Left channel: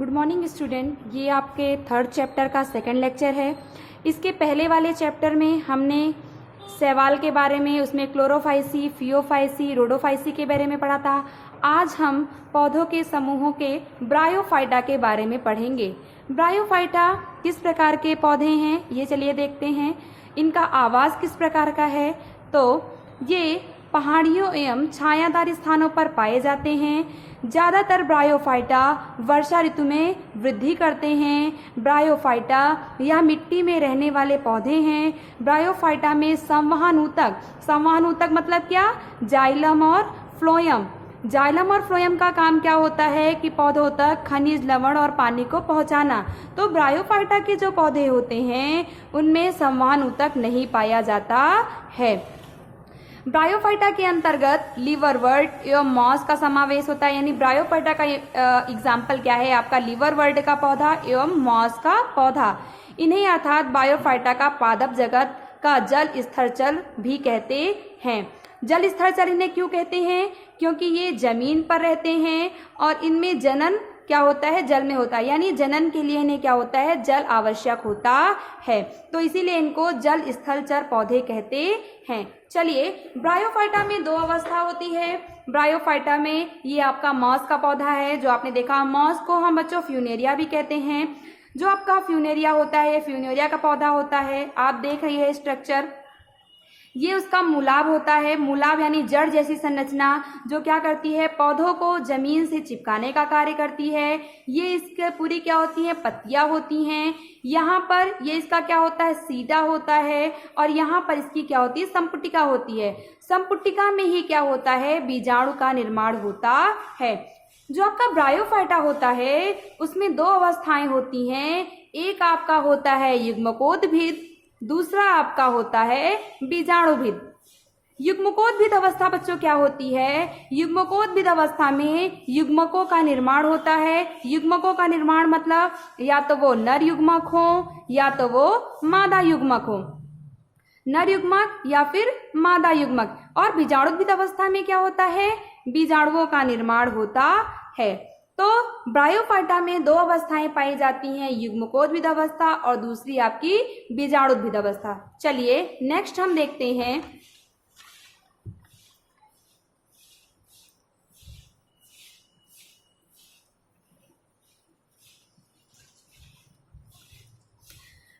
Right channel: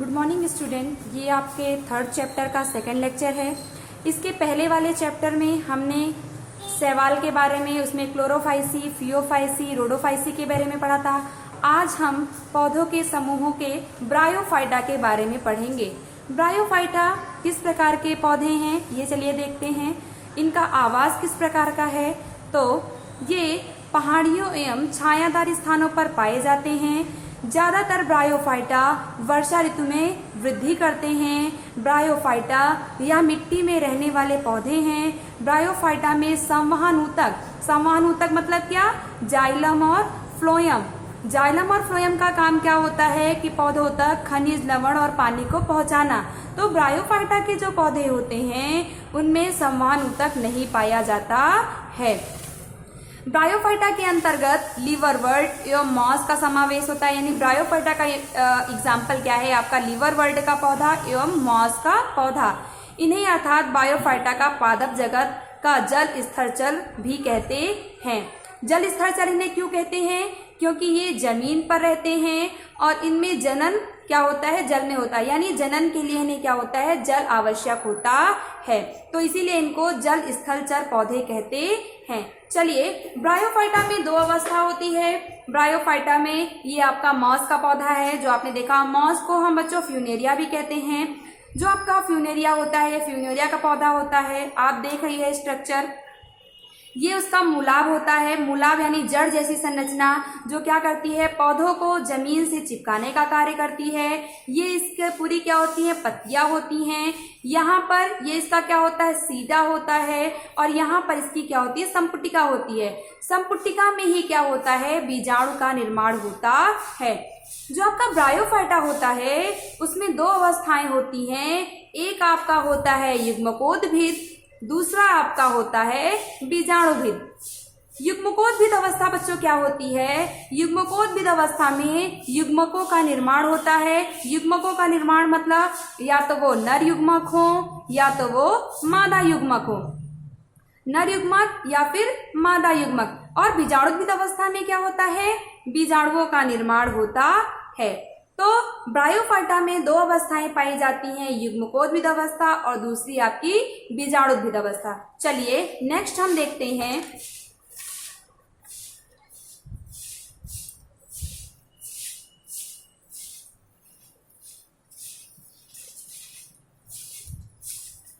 Good morning student. ये आपके third chapter का सेकंड लेक्चर है। इसके पहले वाले चैप्टर में हमने शैवाल के बारे में, उसमें क्लोरोफाइसी, फियोफाइसी, रोडोफाइसी के बारे में पढ़ा था। आज हम पौधों के समूहों के ब्रायोफाइटा के बारे में पढ़ेंगे। ब्रायोफाइटा किस प्रकार के पौधे हैं, ये चलिए देखते हैं। इनका आवास किस प्रकार का है, तो ये पहाड़ियों एवं छायादार स्थानों पर पाए जाते हैं। ज्यादातर ब्रायोफाइटा वर्षा ऋतु में वृद्धि करते हैं। ब्रायोफाइटा या मिट्टी में रहने वाले पौधे हैं। ब्रायोफाइटा में संवहन ऊतक मतलब क्या, जाइलम और फ्लोएम। जाइलम और फ्लोएम का काम क्या होता है कि पौधों तक खनिज, लवण और पानी को पहुंचाना। तो ब्रायोफाइटा के जो पौधे होते हैं उनमें संवहन ऊतक नहीं पाया जाता है। ब्रायोफाइटा के अंतर्गत लीवरवर्ट एवं मॉस का समावेश होता है। यानी ब्रायोफाइटा का एग्जाम्पल क्या है, आपका लीवरवर्ट का पौधा एवं मॉस का पौधा। इन्हें अर्थात ब्रायोफाइटा का पादप जगत का जल स्थलचर भी कहते हैं। जल स्थलचर इन्हें क्यों कहते हैं, क्योंकि ये जमीन पर रहते हैं और इनमें जनन क्या होता है, जल में होता है। यानी जनन के लिए इन्हें क्या होता है, जल आवश्यक होता है, तो इसीलिए इनको जल स्थलचर पौधे कहते हैं। चलिए, ब्रायोफाइटा में दो अवस्था होती है। ब्रायोफाइटा में ये आपका मॉस का पौधा है, जो आपने देखा। मॉस को हम बच्चों फ्यूनेरिया भी कहते हैं। जो आपका फ्यूनेरिया होता है, फ्यूनेरिया का पौधा होता है। आप देख रही है स्ट्रक्चर, ये उसका मूलाभ होता है। मूलाभ यानी जड़ जैसी संरचना, जो क्या करती है, पौधों को जमीन से चिपकाने का कार्य करती है। ये इसके पूरी क्या होती है, पत्तियां होती हैं। यहाँ पर ये इसका क्या होता है, सीटा होता है, और यहाँ पर इसकी क्या होती है, संपुटिका होती है। संपुटिका में ही क्या होता है, बीजाणु का निर्माण होता है। जो आपका ब्रायोफाइटा होता है उसमें दो अवस्थाएं होती हैं। एक आपका होता है युग्मकोद्भिद, दूसरा आपका होता है बीजाणुभिद। युग्मकोद्भिद अवस्था बच्चों क्या होती है, युग्मकोद्भिद अवस्था में युग्मकों का निर्माण होता है। युग्मकों का निर्माण मतलब या तो वो नर युग्मक हो या तो वो मादा युग्मक हो, नर युग्मक या फिर मादा युग्मक। और बीजाणुभिद अवस्था में क्या होता है, बीजाणुओं का निर्माण होता है। तो ब्रायोफाइटा में दो अवस्थाएं पाई जाती हैं, युग्मकोद्भिद अवस्था और दूसरी आपकी बीजाणुभिद अवस्था। चलिए नेक्स्ट हम देखते हैं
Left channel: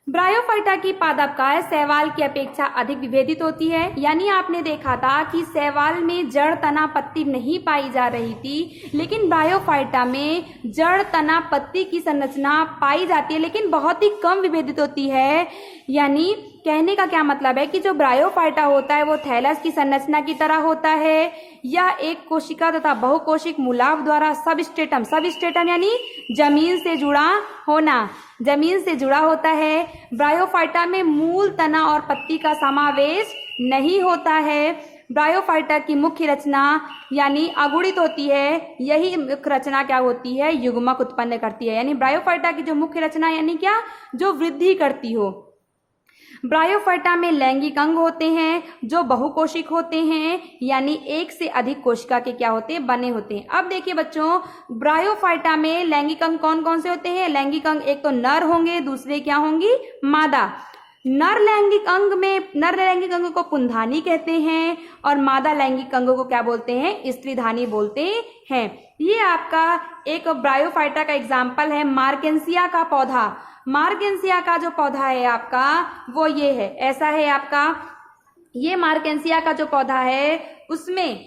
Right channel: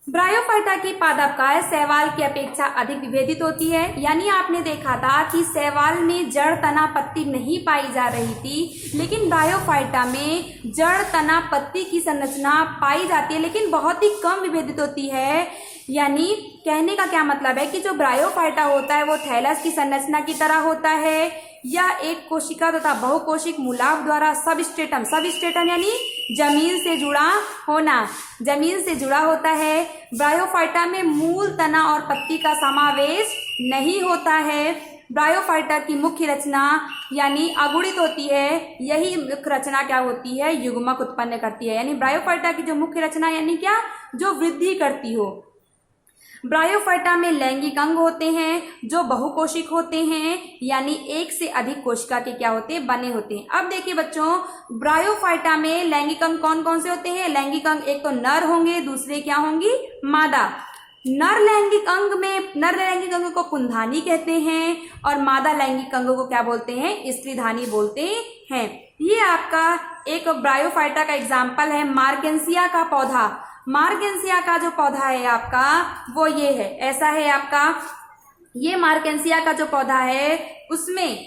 ब्रायोफाइटा की पादपकाय शैवाल की अपेक्षा अधिक विभेदित होती है। यानी आपने देखा था कि शैवाल में जड़, तना, पत्ती नहीं पाई जा रही थी, लेकिन ब्रायोफाइटा में जड़, तना, पत्ती की संरचना पाई जाती है, लेकिन बहुत ही कम विभेदित होती है। यानी कहने का क्या मतलब है कि जो ब्रायोफाइटा होता है वो थैलस की संरचना की तरह होता है, या एक कोशिका तथा बहुकोशिक मूलाभ द्वारा सबस्ट्रेटम यानी जमीन से जुड़ा होना, जमीन से जुड़ा होता है। ब्रायोफाइटा में मूल, तना और पत्ती का समावेश नहीं होता है। ब्रायोफाइटा की मुख्य रचना यानी अगुणित होती है। यही मुख्य रचना क्या होती है, युग्मक उत्पन्न करती है। यानी ब्रायोफाइटा की जो मुख्य रचना यानी क्या, जो वृद्धि करती हो। ब्रायोफाइटा में लैंगिक अंग होते हैं जो बहुकोशिक होते हैं, यानी एक से अधिक कोशिका के क्या होते हैं, बने होते हैं। अब देखिए बच्चों, ब्रायोफाइटा में लैंगिक अंग कौन कौन से होते हैं। लैंगिक अंग एक तो नर होंगे, दूसरे क्या होंगी, मादा। नर लैंगिक अंग को पुंधानी कहते हैं और मादा लैंगिक अंग को क्या बोलते हैं, स्त्रीधानी बोलते हैं। ये आपका एक ब्रायोफाइटा का एग्जाम्पल है मार्केंसिया का पौधा। मार्केंसिया का जो पौधा है आपका वो ये है, ऐसा है आपका। ये मार्केंसिया का जो पौधा है उसमें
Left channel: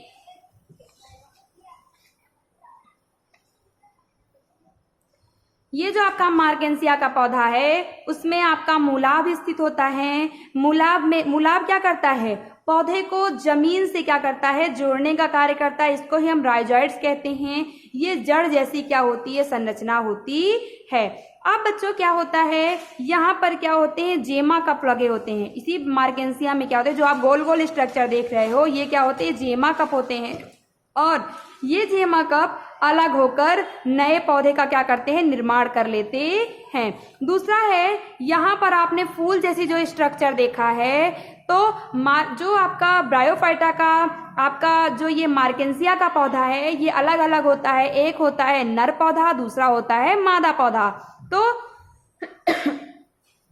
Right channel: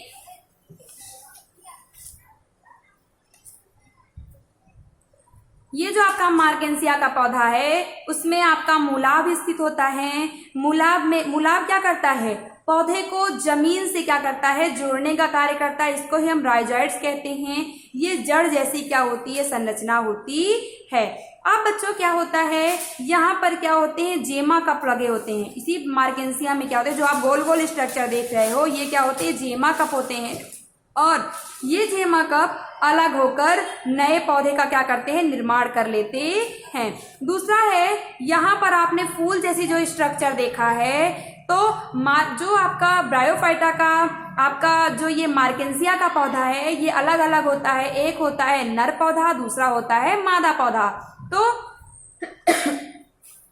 ये जो आपका मार्केंसिया का पौधा है उसमें आपका मूलाभ स्थित होता है। मूलाभ क्या करता है, पौधे को जमीन से क्या करता है, जोड़ने का कार्य करता है। इसको ही हम राइजोइड्स कहते हैं। ये जड़ जैसी क्या होती है, संरचना होती है। अब बच्चों क्या होता है, यहाँ पर क्या होते हैं, जेमा कप लगे होते हैं। इसी मार्केंसिया में क्या होते हैं, जो आप गोल गोल स्ट्रक्चर देख रहे हो, ये क्या होते हैं, जेमा कप होते हैं। और ये जेमा कप अलग होकर नए पौधे का क्या करते हैं, निर्माण कर लेते हैं। दूसरा है, यहाँ पर आपने फूल जैसी जो स्ट्रक्चर देखा है, तो जो आपका ब्रायोफाइटा का आपका जो ये मार्केंसिया का पौधा है ये अलग अलग होता है। एक होता है नर पौधा, दूसरा होता है मादा पौधा। तो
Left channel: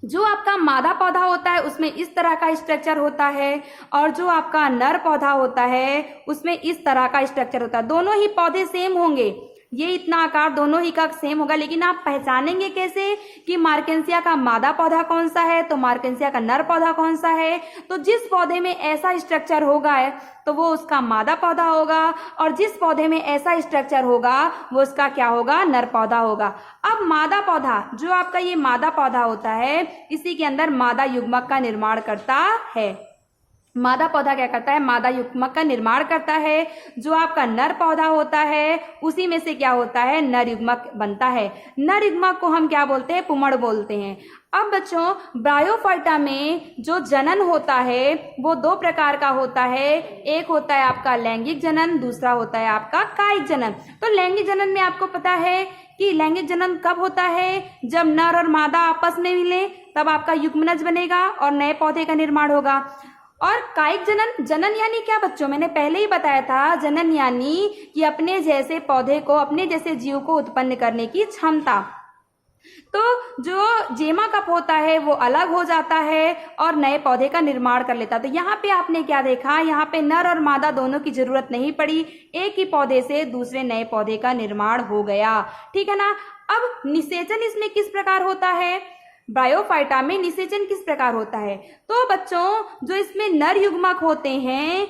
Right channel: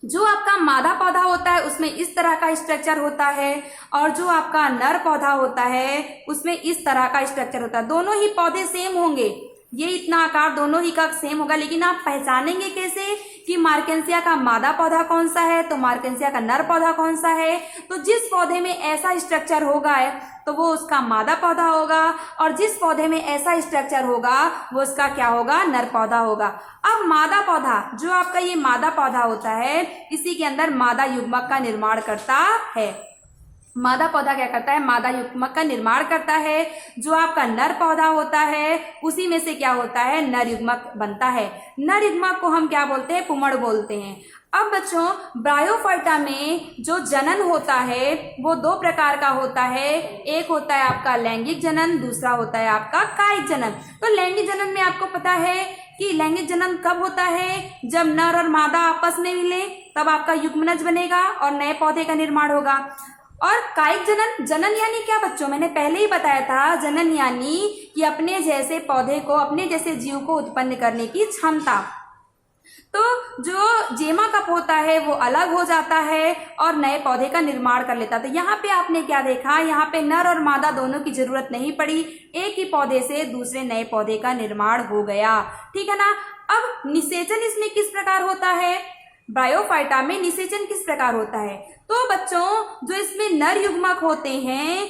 जो आपका मादा पौधा होता है उसमें इस तरह का स्ट्रक्चर होता है और जो आपका नर पौधा होता है उसमें इस तरह का स्ट्रक्चर होता है। दोनों ही पौधे सेम होंगे, ये इतना आकार दोनों ही का सेम होगा, लेकिन आप पहचानेंगे कैसे कि मार्केंसिया का मादा पौधा कौन सा है तो मार्केंसिया का नर पौधा कौन सा है। तो जिस पौधे में ऐसा स्ट्रक्चर होगा तो वो उसका मादा पौधा होगा और जिस पौधे में ऐसा स्ट्रक्चर होगा वो उसका क्या होगा, नर पौधा होगा। अब मादा पौधा, जो आपका ये मादा पौधा होता है इसी के अंदर मादा युग्मक का निर्माण करता है। मादा पौधा क्या करता है, मादा युग्मक का निर्माण करता है। जो आपका नर पौधा होता है उसी में से क्या होता है, नर युग्मक बनता है। नर युग्मक को हम क्या बोलते हैं, पुमड़ बोलते हैं। अब बच्चों ब्रायोफाइटा में जो जनन होता है वो दो प्रकार का होता है। एक होता है आपका लैंगिक जनन, दूसरा होता है आपका कायिक जनन। तो लैंगिक जनन में आपको पता है कि लैंगिक जनन कब होता है, जब नर और मादा आपस में मिले तब आपका युग्मनज बनेगा और नए पौधे का निर्माण होगा। और कायिक जनन, जनन यानी क्या बच्चों, मैंने पहले ही बताया था, जनन यानी कि अपने जैसे पौधे को, अपने जैसे जीव को उत्पन्न करने की क्षमता। तो जो जेमा कप होता है वो अलग हो जाता है और नए पौधे का निर्माण कर लेता है। तो यहाँ पे आपने क्या देखा, यहाँ पे नर और मादा दोनों की जरूरत नहीं पड़ी, एक ही पौधे से दूसरे नए पौधे का निर्माण हो गया। ठीक है ना। अब निषेचन इसमें किस प्रकार होता है, ब्रायोफाइटा में निषेचन किस प्रकार होता है। तो बच्चों जो इसमें नर युग्मक होते हैं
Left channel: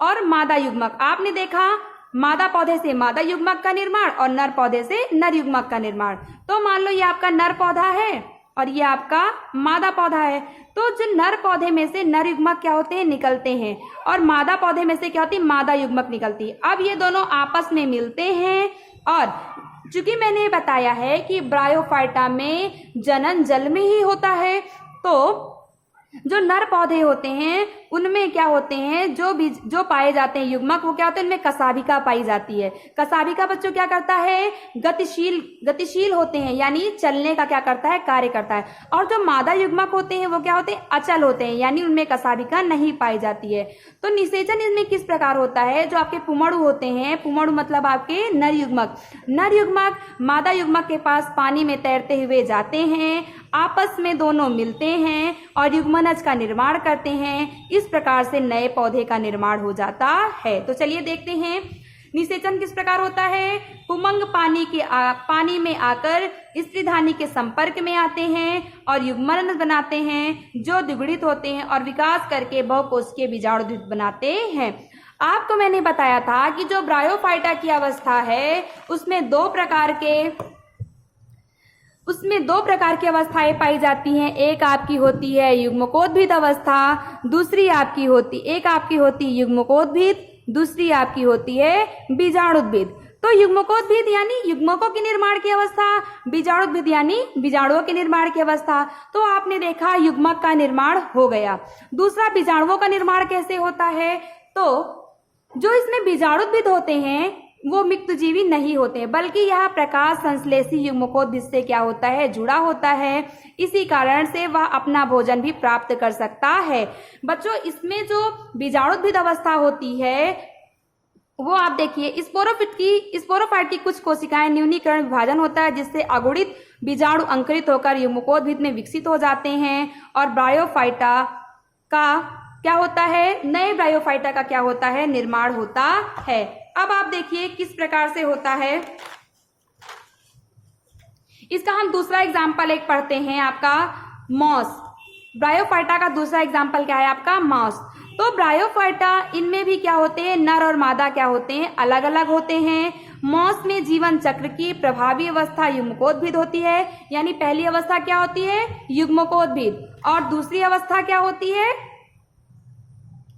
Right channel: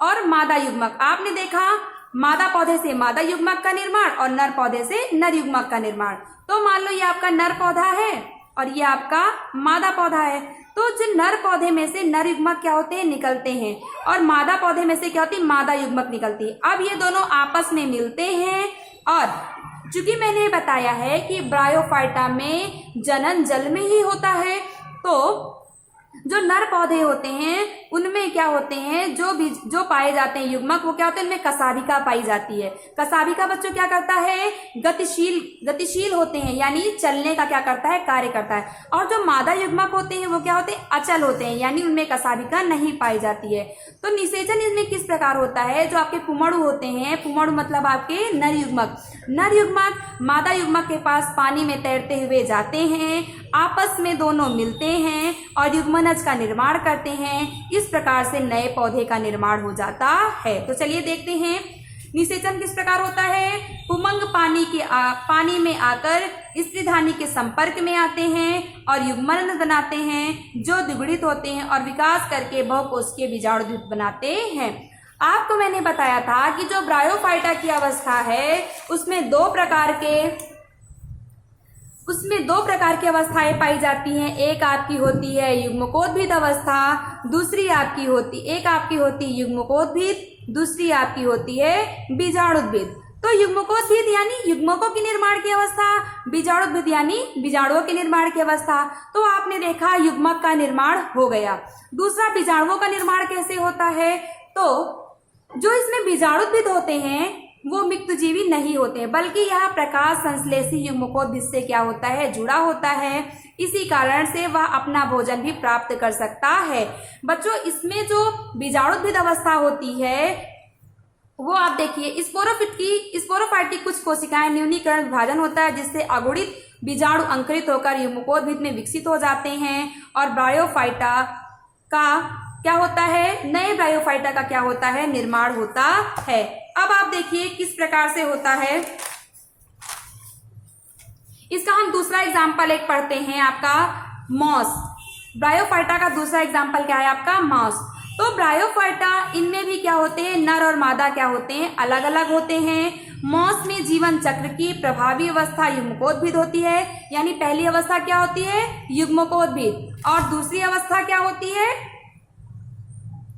और मादा युग्मक, आपने देखा मादा पौधे से मादा युग्मक का निर्माण और नर पौधे से नर युग्मक का निर्माण। तो मान लो ये आपका नर पौधा है और ये आपका मादा पौधा है। तो जो नर पौधे में से नर युग्मक क्या होते हैं, निकलते हैं और मादा पौधे में से क्या होती है, मादा युग्मक निकलती है। अब ये दोनों आपस में मिलते हैं और चूंकि मैंने बताया है कि ब्रायोफाइटा में जनन जल में ही होता है, तो जो नर पौधे होते हैं उनमें क्या होते हैं, जो पाए जाते हैं युग्मक, वो क्या होते हैं, उनमें कसाभिका पाई जाती है। कसाभिका बच्चों क्या करता है, गतिशील होते हैं, यानी चलने का क्या करता है, कार्य करता है। और जो मादा युग्मक होते हैं वो क्या होते हैं, अचल होते हैं, यानी उनमें कसाभिका नहीं पाई जाती है। तो निषेचन इसमें किस प्रकार होता है, जो आपके पुमड़ु होते हैं, पुमड़ु मतलब आपके नर युग्मक, नर युग्मक मादा युग्मक के पास पानी में तैरते हुए जाते हैं, आपस में दोनों मिलते हैं और युग्मनज का निर्माण करते हैं। इस प्रकार से नए पौधे का निर्माण हो जाता है। तो चलिए देखते हैं निषेचन किस प्रकार होता है। पुमंग पानी में आकर स्त्रीधानी के संपर्क में आते हैं और युग्मनज बनाते हैं, जो द्विगुणित होते हैं और विकास करके बहुकोषीय बीजाणुद्वित बनाते हैं। आपको मैंने बताया था कि जो ब्रायोफाइटा की अवस्था है उसमें दो प्रकार की अवस्थाएं पाई जाती हैं। एक आपकी होती है युग्मकोद्भिद अवस्था, दूसरी आपकी होती है युग्मकोद्भिद, दूसरी आपकी होती है बीजाणुद्भिद। तो युग्मकोद्भिद यानी युग्मकों के निर्माण की अवस्था, बीजाणुद्भिद यानी बीजाणुओं के निर्माण की अवस्था। तो आपने देखा युग्मक का निर्माण हो गया। दूसरा बीजाणुओं का निर्माण कैसे होता है, तो जो इसमें बीजाणुद्भिद होते हैं वो मिक्तजीवी नहीं होते, बल्कि यह प्रकाश संश्लेषी युग्मकोद्भिद से क्या होता है, जुड़ा होता है। इसी कारण से वह अपना भोजन भी प्राप्त कर सकता है। बच्चों इसमें जो बीजाणुद्भिद अवस्था होती है वो आप देखिए, स्पोरोफाइट की कुछ कोशिकाएं न्यूनीकरण विभाजन होता है जिससे अगुणित बीजाणु अंकुरित होकर युग्मकोद्भिद में विकसित हो जाते हैं और ब्रायोफाइटा का क्या होता है, नए ब्रायोफाइटा का क्या होता है, निर्माण होता है। अब आप देखिए किस प्रकार से होता है। इसका हम दूसरा एग्जाम्पल एक पढ़ते हैं, आपका मॉस। ब्रायोफाइटा का दूसरा एग्जाम्पल क्या है, आपका मॉस। तो ब्रायोफाइटा इनमें भी क्या होते हैं, नर और मादा क्या होते हैं, अलग अलग होते हैं। मॉस में जीवन चक्र की प्रभावी अवस्था युग्मकोद्भिद होती है, यानी पहली अवस्था क्या होती है, युग्मकोद्भिद, और दूसरी अवस्था क्या होती है,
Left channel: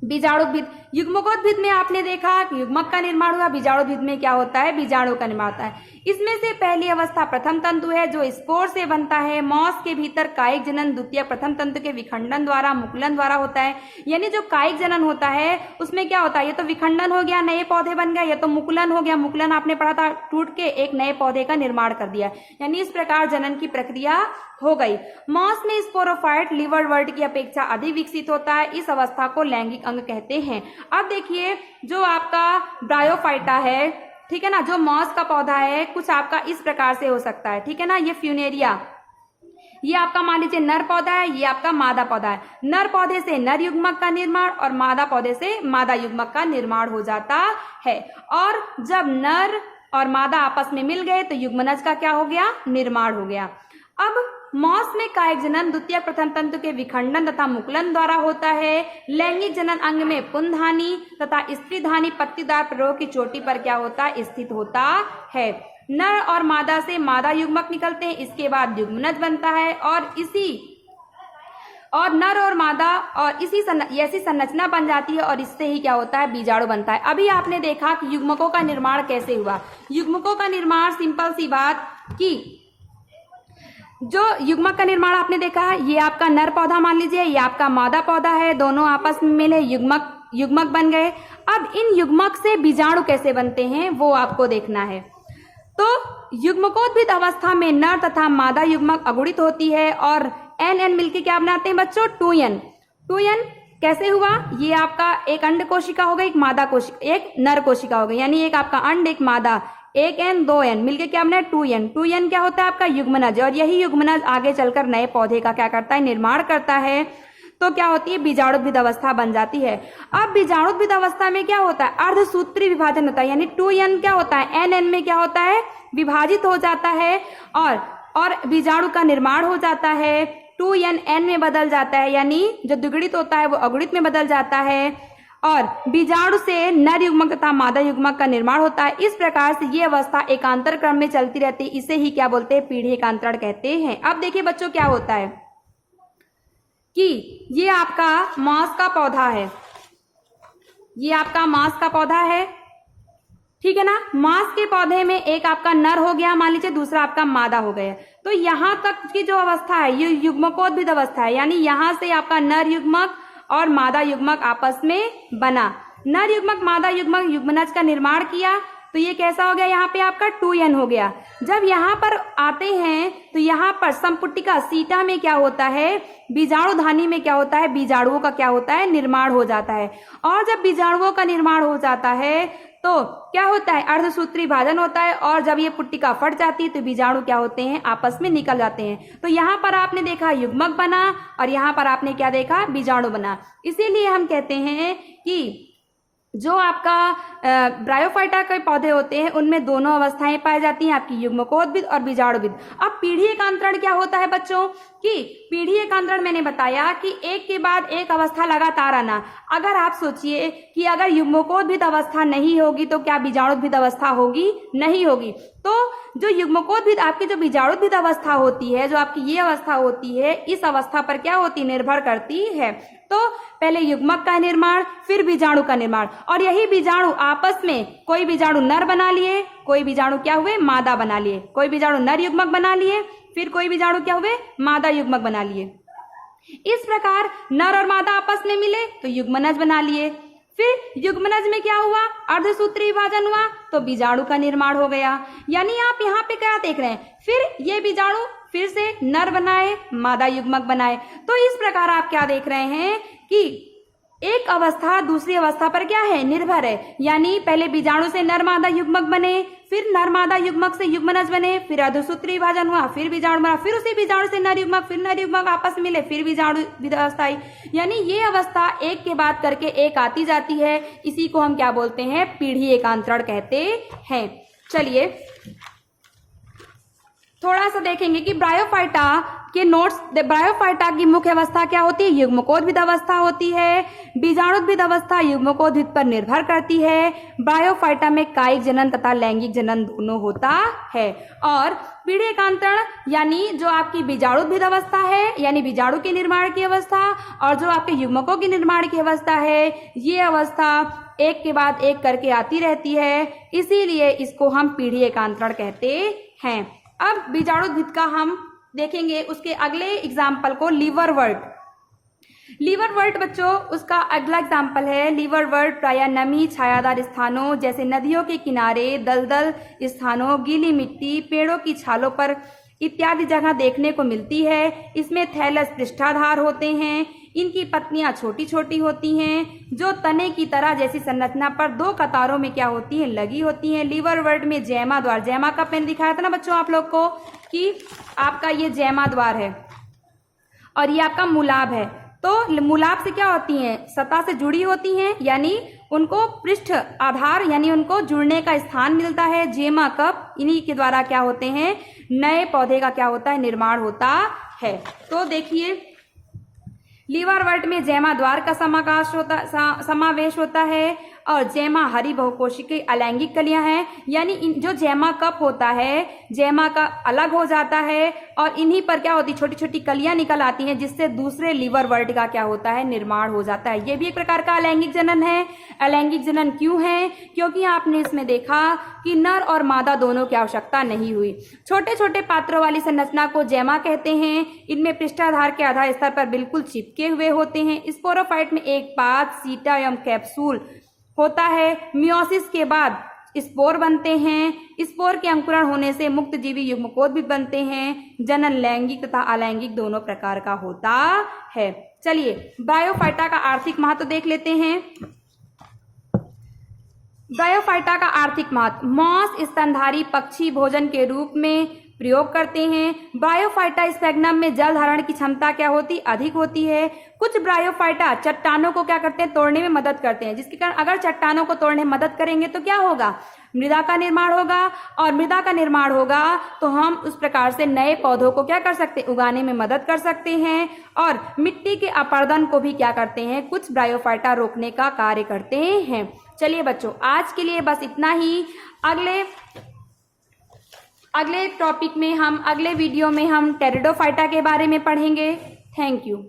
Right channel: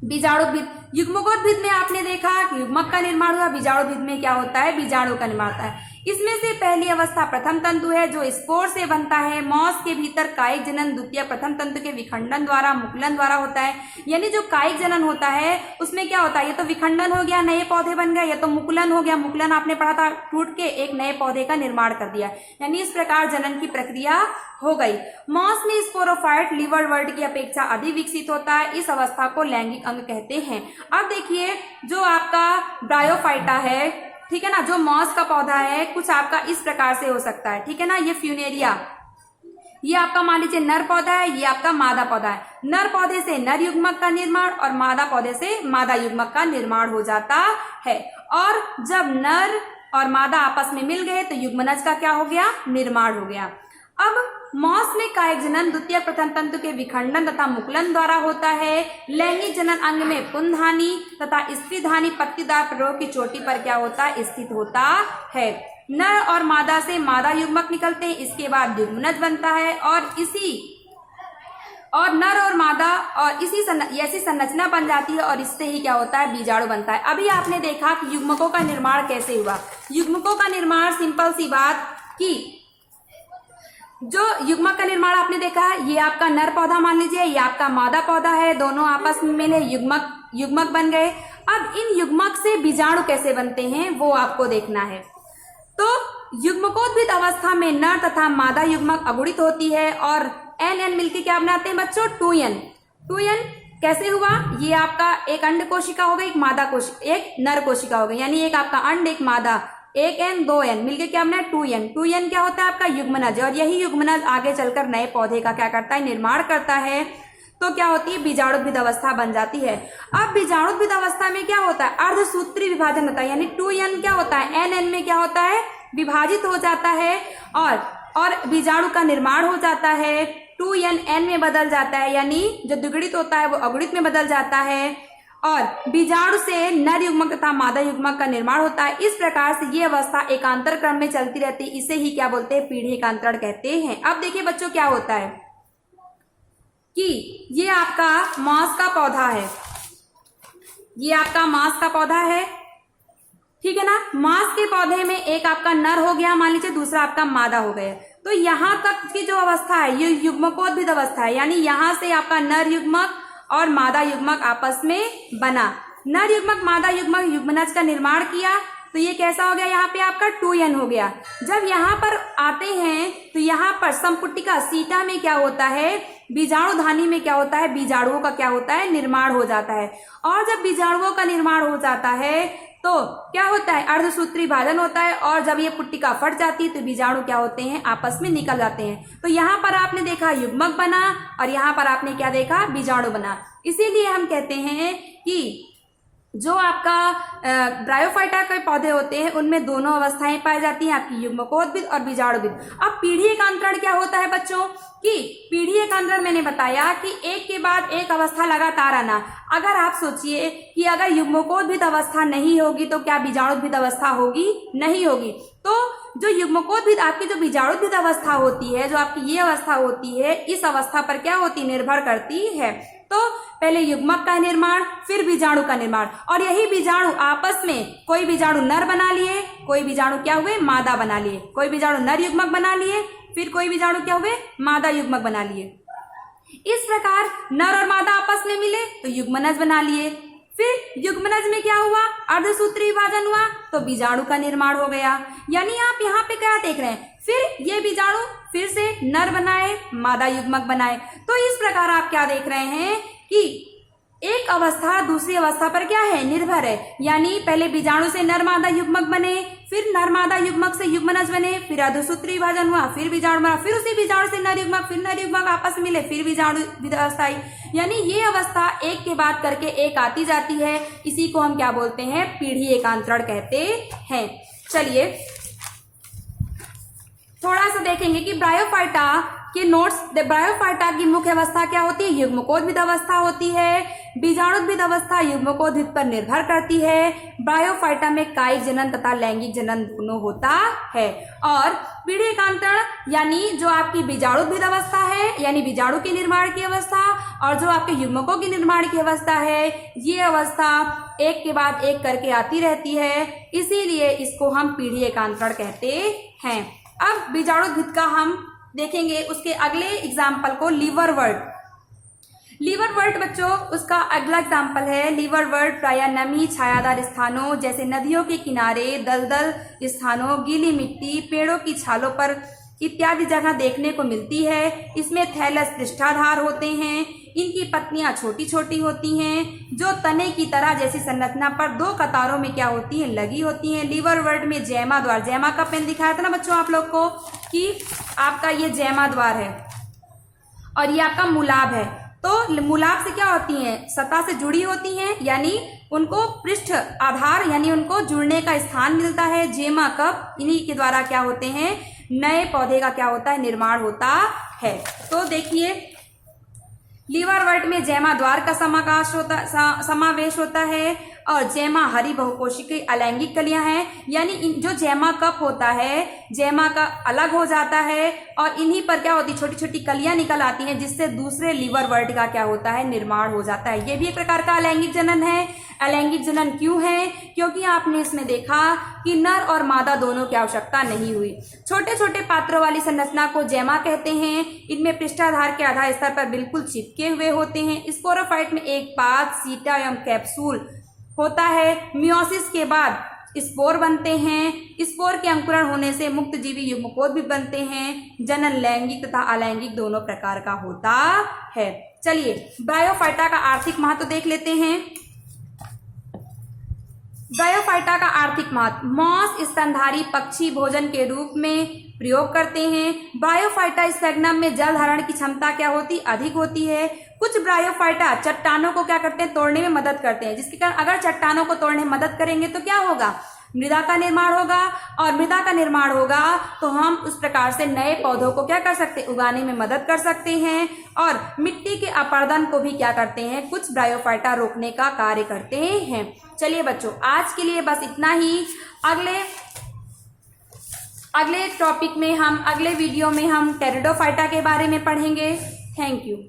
बीजाणुद्भिद। युग्मकोद्भिद में आपने देखा कि युग्मक का निर्माण हुआ, बीजाणुद्भिद में क्या होता है, बीजाणु का निर्माण होता है। इसमें से पहली अवस्था प्रथम तंतु है जो स्पोर से बनता है। मॉस के भीतर कायिक जनन द्वितीय प्रथम तंतु के विखंडन द्वारा मुकुलन द्वारा होता है। यानी जो कायिक जनन होता है उसमें क्या होता है, ये तो विखंडन हो गया, नए पौधे बन गए, या तो मुकुलन हो गया, मुकुलन आपने पढ़ा था, टूट के एक नए पौधे का निर्माण कर दिया। यानी इस प्रकार जनन की प्रक्रिया हो गई। मॉस में स्पोरोफाइट लिवरवर्ट की अपेक्षा अधिक विकसित होता है। इस अवस्था को लैंगिक अंग कहते हैं। अब देखिए जो आपका ब्रायोफाइटा है, ठीक है ना, जो मॉस का पौधा है कुछ आपका इस प्रकार से हो सकता है, ठीक है ना। ये फ्यूनेरिया, ये आपका मान लीजिए नर पौधा है, ये आपका मादा पौधा है। नर पौधे से नर युग्मक का निर्माण और मादा पौधे से मादा युग्मक का निर्माण हो जाता है। और जब नर और मादा आपस में मिल गए तो युग्मनज का क्या हो गया, निर्माण हो गया। अब मॉस में कायिक जनन द्वितीय प्रथम तंतु के विखंडन तथा मुकुलन द्वारा होता है। लैंगिक जनन अंग में पुंधानी तथा स्त्रीधानी पत्तीदार प्ररोह की चोटी पर क्या होता है, स्थित होता है। नर और मादा से मादा युग्मक निकलते हैं, इसके बाद युग्मनज बनता है और नर और मादा और ऐसी संरचना बन जाती है और इससे ही क्या होता है, बीजाणु बनता है। अभी आपने देखा कि युग्मकों का निर्माण कैसे हुआ। युग्मकों का निर्माण सिंपल सी बात कि जो युग्मक का निर्माण आपने देखा, ये आपका नर पौधा मान लीजिए, ये आपका मादा पौधा है, दोनों आपस में मिले युग्मक बन गए। अब इन युग्मक से बीजाणु कैसे बनते हैं वो आपको देखना है। तो युग्मकोद्भिद अवस्था में नर तथा मादा युग्मक अगुणित होती है और एन मिलकर क्या बनाते हैं बच्चों, 2n कैसे हुआ, ये आपका एक अंड कोशिका हो गई, एक नर कोशिका हो गई, यानी एक आपका अंड एक मादा, एक n 2n मिलके क्या बना, 2n क्या होता है आपका युग्मनज। और यही युग्मनज आगे चलकर नए पौधे का क्या करता है, निर्माण करता है। तो क्या होती है, बीजाणुद्भिद अवस्था बन जाती है। अब बीजाणुद्भिद अवस्था में क्या होता है, अर्धसूत्री विभाजन होता है, यानी 2n क्या होता है, n में क्या होता है, विभाजित हो जाता है और बीजाणु का निर्माण हो जाता है। 2n n में बदल जाता है, यानी जो द्विगुणित होता है वो अगुणित में बदल जाता है और बीजाणु से नर युग्मक तथा मादा युग्मक का निर्माण होता है। इस प्रकार से ये अवस्था एकांतर क्रम में चलती रहती है। इसे ही क्या बोलते हैं, पीढ़ी एकांतरण कहते हैं। अब देखिए बच्चों क्या होता है कि ये आपका मॉस का पौधा है, ये आपका मॉस का पौधा है, ठीक है ना। मॉस के पौधे में एक आपका नर हो गया मान लीजिए, दूसरा आपका मादा हो गया। तो यहाँ तक की जो अवस्था है ये युग्मकोद्भिद अवस्था है, यानी यहाँ से आपका नर युग्मक और मादा युग्मक आपस में बना। नर युग्मक मादा युग्मक युग्मनज का निर्माण किया तो ये कैसा हो गया, यहाँ पे आपका 2n हो गया। जब यहाँ पर आते हैं तो यहाँ पर संपुटिका सीटा में क्या होता है, बीजाणु धानी में क्या होता है, बीजाणुओं का क्या होता है, निर्माण हो जाता है। और जब बीजाणुओं का निर्माण हो जाता है तो क्या होता है, अर्धसूत्री विभाजन होता है और जब ये पुट्टिका फट जाती है तो बीजाणु क्या होते हैं, आपस में निकल जाते हैं। तो यहाँ पर आपने देखा युग्मक बना और यहाँ पर आपने क्या देखा, बीजाणु बना। इसीलिए हम कहते हैं कि जो आपका ब्रायोफाइटा के पौधे होते हैं उनमें दोनों अवस्थाएं पाई जाती हैं, आपकी युग्मकोद्भिद और बीजाणुभिद। अब पीढ़ी एकांतरण क्या होता है बच्चों, कि पीढ़ी एकांतरण मैंने बताया कि एक के बाद एक अवस्था लगातार आना। अगर आप सोचिए कि अगर युग्मकोद्भिद अवस्था नहीं होगी तो क्या बीजाणुभिद अवस्था होगी, नहीं होगी। तो जो युग्मकोद्भिद आपकी जो बीजाणुभिद अवस्था होती है, जो आपकी ये अवस्था होती है, इस अवस्था पर क्या होती, निर्भर करती है। तो पहले युग्मक का निर्माण, फिर बीजाणु का निर्माण, और यही बीजाणु आपस में कोई बीजाणु नर बना लिए, कोई बीजाणु क्या हुए, मादा बना लिए, कोई बीजाणु नर युग्मक बना लिए, फिर कोई बीजाणु क्या हुए, मादा युग्मक बना लिए। इस प्रकार नर और मादा आपस में मिले तो युग्मनज बना लिए। फिर युग्मनज में क्या हुआ, अर्धसूत्री विभाजन हुआ तो बीजाणु का निर्माण हो गया। यानी आप यहाँ पे क्या देख रहे हैं, फिर ये बीजाणु फिर से नर बनाए, मादा युग्मक बनाए। तो इस प्रकार आप क्या देख रहे हैं कि एक अवस्था दूसरी अवस्था पर क्या है, निर्भर है। यानी पहले बीजाणु से नर मादा युग्मक बने, फिर नर मादा युग्मक से युग्मनज बने, फिर अर्धसूत्री विभाजन हुआ, फिर बीजाणु बना, फिर उसी बीजाणु से नर युग्मक, फिर नर युग्मक आपस में मिले, फिर बीजाणु अवस्था आई। यानी ये अवस्था एक के बाद करके एक आती जाती है। इसी को हम क्या बोलते हैं, पीढ़ी एकांतरण कहते हैं। चलिए थोड़ा सा देखेंगे कि ब्रायोफाइटा के नोट्स। ब्रायोफाइटा की मुख्य अवस्था क्या होती है, युग्मकोद्भिद अवस्था होती है। बीजाणुद्भिद अवस्था युग्मकोद्भिद पर निर्भर करती है। ब्रायोफाइटा में कायिक जनन तथा लैंगिक जनन दोनों होता है। और पीढ़ी एकांतरण यानी जो आपकी बीजाणुद्भिद अवस्था है, यानी बीजाणु के निर्माण की अवस्था, और जो आपके युग्मकों के निर्माण की अवस्था है, ये अवस्था एक के बाद एक करके आती रहती है। इसीलिए इसको हम पीढ़ी एकांतरण कहते हैं। अब बीजाणुद्भिद का हम देखेंगे उसके अगले एग्जाम्पल को, लीवरवर्ट। लीवरवर्ट बच्चों, उसका अगला एग्जाम्पल है लीवरवर्ट प्रायः नमी छायादार स्थानों जैसे नदियों के किनारे, दलदल स्थानों, गीली मिट्टी, पेड़ों की छालों पर इत्यादि जगह देखने को मिलती है। इसमें थैलस पृष्ठाधार होते हैं। इनकी पत्तियां छोटी छोटी होती हैं जो तने की तरह जैसी संरचना पर दो कतारों में क्या होती हैं, लगी होती हैं। लीवरवर्ट में जैमा द्वार, जैमा का पेन दिखाया था ना बच्चों आप लोग को कि आपका ये जैमा द्वार है और ये आपका मूलाभ है। तो मूलाभ से क्या होती हैं, सतह से जुड़ी होती हैं, यानी उनको पृष्ठ आधार यानी उनको जुड़ने का स्थान मिलता है। जेमा कप, इन्हीं के द्वारा क्या होते हैं, नए पौधे का क्या होता है, निर्माण होता है। तो देखिए लीवरवर्ट में जैमा द्वार का समावेश होता है और जैमा हरी बहुकोशिकीय अलैंगिक कलियां हैं, यानी जो जैमा कप होता है, जैमा का अलग हो जाता है और इन्हीं पर क्या होती, छोटी छोटी कलियां निकल आती हैं जिससे दूसरे लीवरवर्ट का क्या होता है, निर्माण हो जाता है। ये भी एक प्रकार का अलैंगिक जनन है। अलैंगिक जनन क्यों है, क्योंकि आपने इसमें देखा कि नर और मादा दोनों की आवश्यकता नहीं हुई। छोटे छोटे पात्रों वाली संरचना को जैमा कहते हैं। इनमें पृष्ठाधार के आधार स्तर पर बिल्कुल चिपके हुए होते हैं। स्पोरोफाइट में एक पात, सीटा एवं कैप्सूल होता है। मियोसिस के बाद स्पोर बनते हैं। स्पोर के अंकुरण होने से मुक्त जीवी युग्मकोद भी बनते हैं। जनन लैंगिक तथा अलैंगिक दोनों प्रकार का होता है। चलिए ब्रायोफाइटा का आर्थिक महत्व देख लेते हैं। ब्रायोफाइटा का आर्थिक महत्व, मांस स्तनधारी पक्षी भोजन के रूप में प्रयोग करते हैं। ब्रायोफाइटा स्फेग्नम में जल धारण की क्षमता क्या होती, अधिक होती है। कुछ ब्रायोफाइटा चट्टानों को क्या करते हैं, तोड़ने में मदद करते हैं, जिसके कारण अगर चट्टानों को तोड़ने में मदद करेंगे तो क्या होगा, मृदा का निर्माण होगा और मृदा का निर्माण होगा तो हम उस प्रकार से नए पौधों को क्या कर सकते हैं, उगाने में मदद कर सकते हैं। और मिट्टी के अपरदन को भी क्या करते हैं, कुछ ब्रायोफाइटा रोकने का कार्य करते हैं। चलिए बच्चों आज के लिए बस इतना ही। अगले टॉपिक में हम, अगले वीडियो में हम टेरिडोफाइटा के बारे में पढ़ेंगे। Thank you.